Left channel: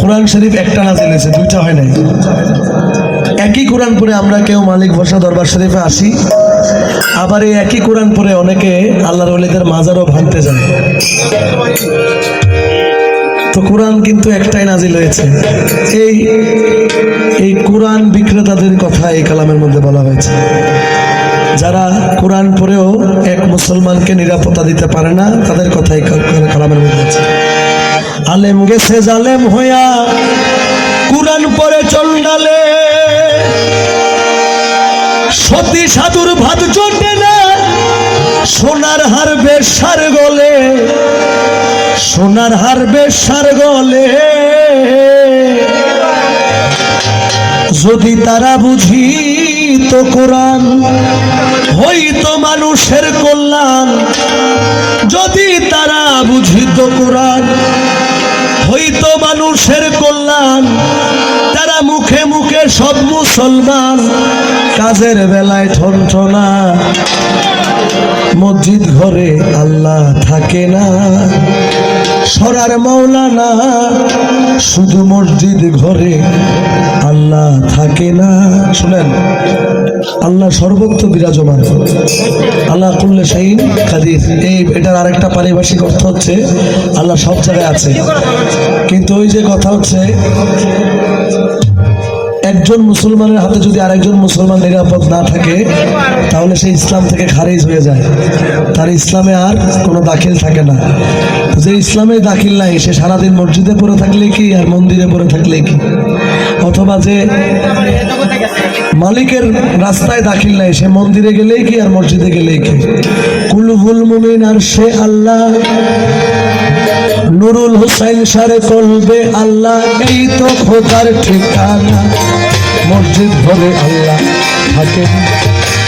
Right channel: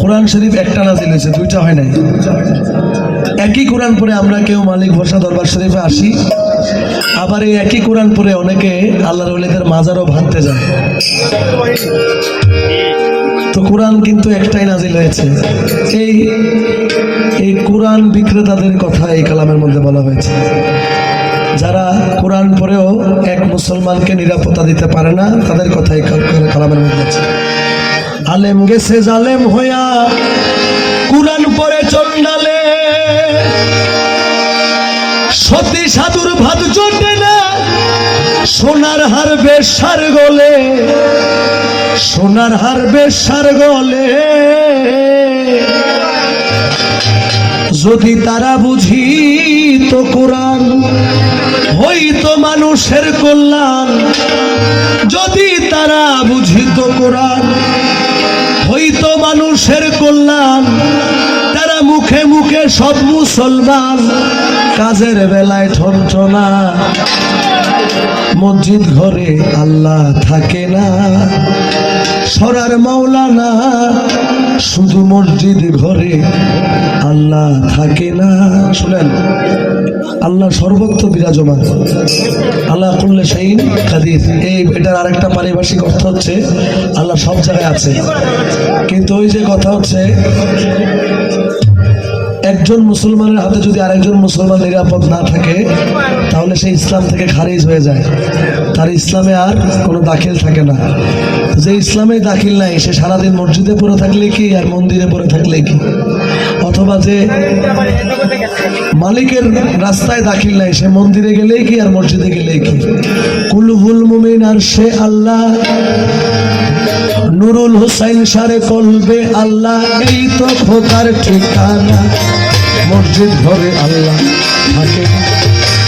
কোরআন শরীফ একটা নাজিল হয়েছে, দুইটা হয় নাই। একই কোরআন পরে আমরা কেউ মালিক ভরসা দরবার শরীফে আসি, আবার এই একই কোরআন পরে অনেকে আল্লাহর ওলিদের মাজারও ভাঙতে যায়। তো কোরআন কিন্তু একটাই নাজিল হয়েছে। এই এই কোরআন বিক্রেতাদের কথা এই কালামের মধ্যে বলা হয়েছে। যারা কোরআন পড়েও এক মুসলমানকে নিরাপত্তা দিতে পারে না, তাদের কথাই কালামের মধ্যে আছে। আলেম গেছে জালেম হইয়া কোরআন পরে চন্ডালে সতী সাধুর ভাত চটে না, সোনার হার বেশার গলে। সোনার হার বেশার গলে। যদি তারা বুঝি তো কোরআন কাজের বেলায় ঠনঠনা। মসজিদ ঘরে আল্লাহ থাকে না। সরার মাওলানা, শুধু মসজিদ ঘরে আল্লাহ থাকে না। শুনেন, আল্লাহ সর্বত্র বিরাজমান। আল্লাহ করলে শাহিন কাদির। এই এটার আরেকটা পারিভাষিক অর্থ হচ্ছে, আল্লাহ সব জায়গায় আছে। কিন্তু ওই যে কথা হচ্ছে একজন মুসলমানের হাতে যদি আরেকজন মুসলমান নিরাপদ না থাকে, তাহলে সে ইসলাম থেকে খারিজ হয়ে যায়। তার ইসলামে আর কোনো দাখিল থাকে না। যে ইসলামে দাখিল নাই, সে সারাদিন মসজিদে পড়ে থাকলে কি আর মন্দিরে পড়ে থাকলে কি? অথবা যে মালিকের রাস্তায় দাখিল নাই, সে মন্দিরে গেলেই কি আর মসজিদে গেলেই কি? কুলহুল মুমিন আর সে আল্লাহ। নুরুল হুসাইন সারে কলবে আল্লাহ, এই তো ঠিকানা। মসজিদ ঘরে আল্লাহ থাকে। না।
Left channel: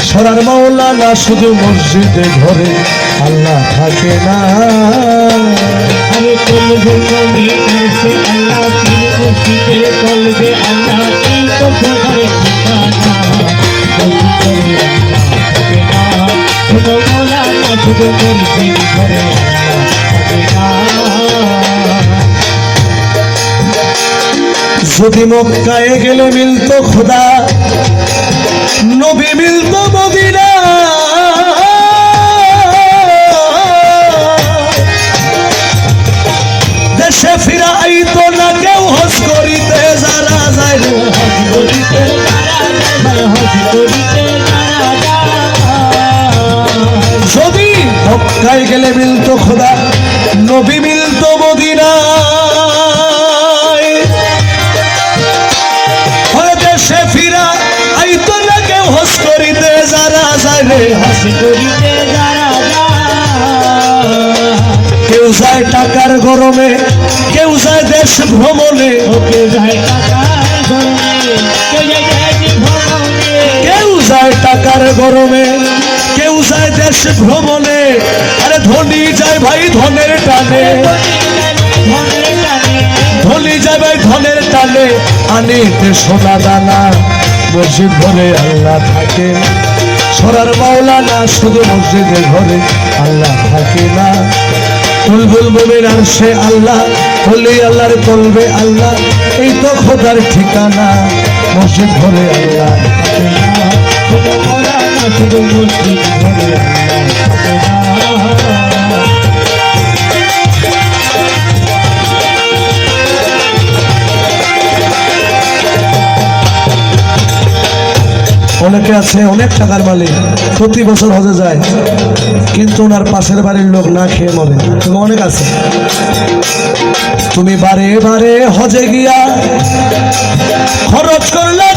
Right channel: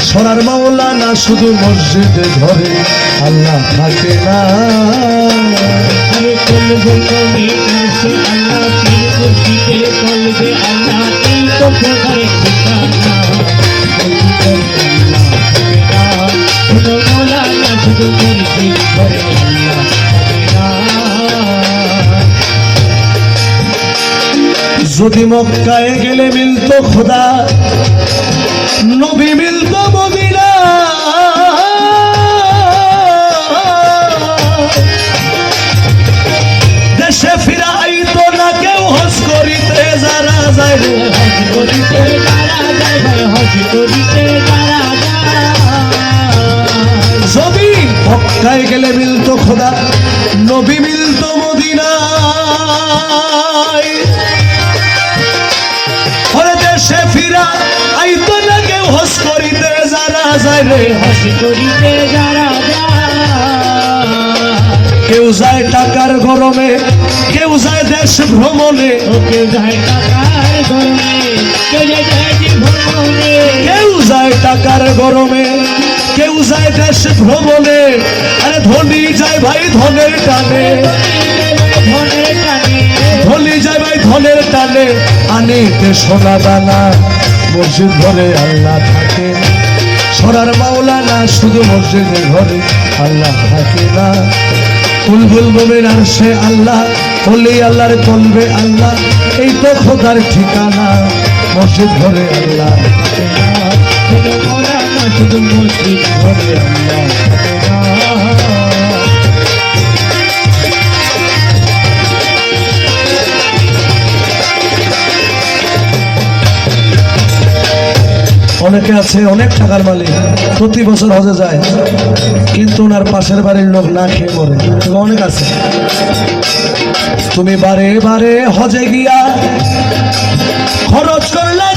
সরার মাওলানা শুধু মসজিদে ঘরে আল্লাহ থাকে না। আল্লাহ আল্লাহ যদি মক্কায় গেলে মিলতো খোদা, নবী মিলতো মদিনা। দেশে ফিরা আইতো না কেউ হস করিতে যারা যায়। যদি মক্কায় গেলে মিলতো খোদা, নবী করিতে যারা যায় রে হজ করিতে যারা কেউ যায় টাকার গরমে কেউ যায় দেশ ভ্রমণে। ওকে যায় টাকার ধরনে কে যায় কেউ যায় টাকার গরমে কেউ যায় দেশ ভ্রমণে। আরে ধনী যায় ভাই ধনের টানে। ধনের টানে। ধনী যায় ভাই ধনের টানে। আনিতে সোনা দানা মসজিদ ঘরে আল্লাহ থাকে। সরার মাওলানা শুধু মসজিদের ঘরে আল্লাহ থাকে না। বুলবুল মোমেন আসে আল্লাহ হলি আল্লাহর বলবে আল্লাহ, এই তো খোদার ঠিকানা। মসজিদ ঘরে আল্লাহ থাকে না। শুধু মসজিদ ঘরে আল্লাহ আছে, অনেক টাকার মালিক। প্রতি বছর হজে যায়, কিন্তু ওনার পাশের বাড়ির লোক না খেয়ে মরে। তুমি অনেক আছে। তুমি বারে বারে হজে গিয়া খরচ করলে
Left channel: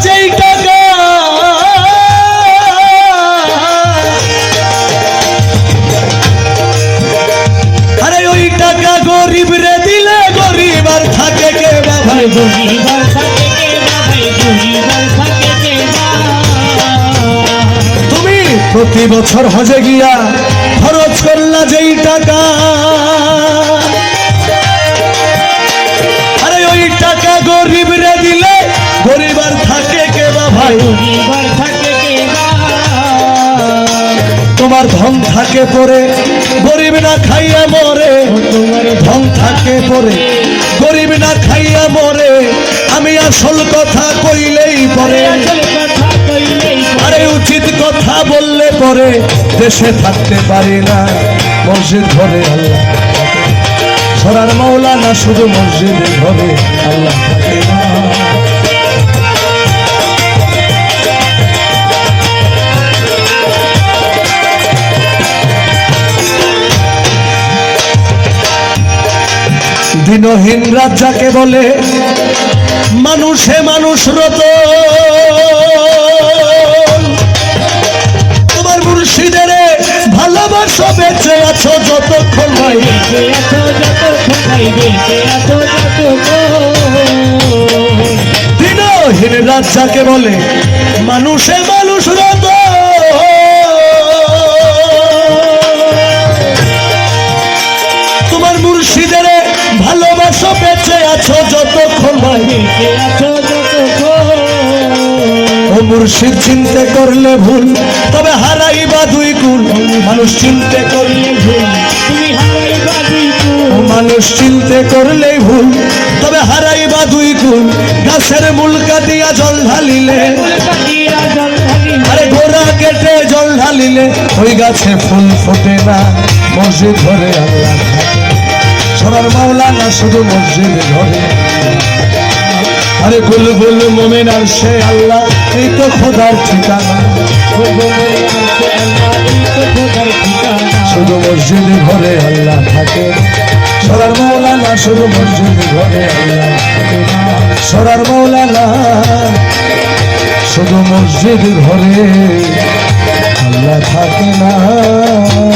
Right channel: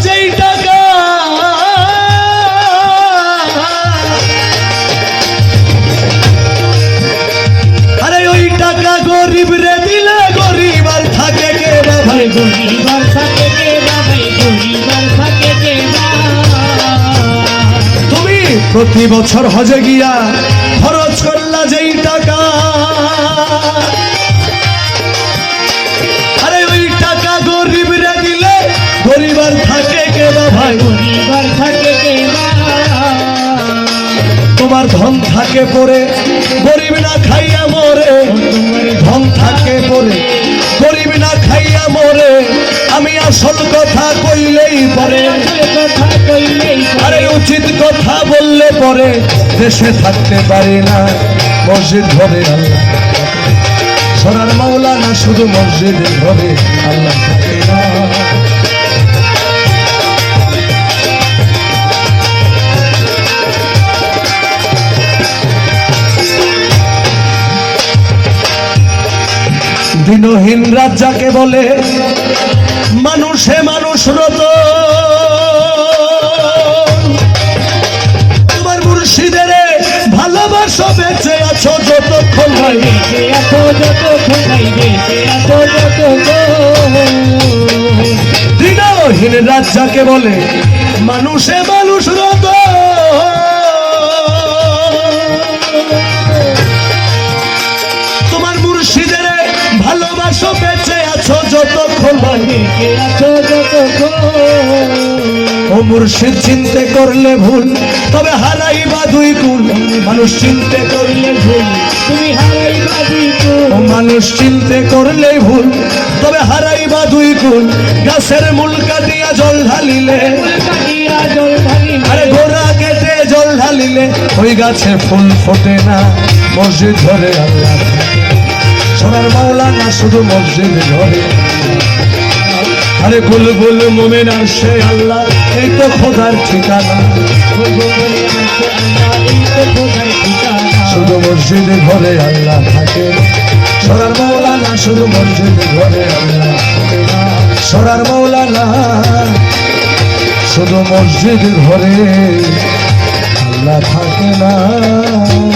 প্রতি বছর হজে গিয়া খরচ করলা যেই টাকা। আরে ওই টাকা গরিব রে দিলে গরিব আর থাকে কে না ভাই? গরিবার থাকে কে তোমার ধন থাকে পরে গরিব না খাইয়া মরে। তোমার ধন থাকে পরে গরিব না খাইয়া আসল কথা পরে দেশে থাকতে পারি না, মসজিদ ঘরে সরার মাওলা না শুধু মসজিদ ঘরে আল্লাহ। দিনহীন রাত বলে, মানুষে মানুষ রত। মুর্শিদের ভালোবাসো, বেঁচে আছো যতক্ষণ বেঁচে আছো যতক্ষণ বেঁচে আছো দিনহীন বলে, মানুষে মানুষ রত। তোমার মুর্শিদের ভালোবাসো, বেঁচে আছো যতক্ষণ বেঁচে আছো যতক্ষণ ও মুর্শিদ, চিনতে করলে ভুল, তবে মানুষ চিনতে করলে ভুল। মানুষ চিনতে করলেই ভুল। তবে হারাইবা দুই গুণ, গাছের মূল কাটিয়া জল ঢালিলে। আরে কেটে জল ঢালিলে, ওই গাছে ফুল ফোটে না, মসজিদ ধরে সবার মাওলা না শুধু মসজিদ ধরে। আরে গুল মোমেন সে আল্লাহ, এই তো খোদার শুধু মসজিদ ঘরে আল্লাহ থাকে। সরার মৌলানা, শুধু মসজিদ ঘরে। সরার মৌলানা, শুধু মসজিদ ঘরে আল্লাহ থাকে না।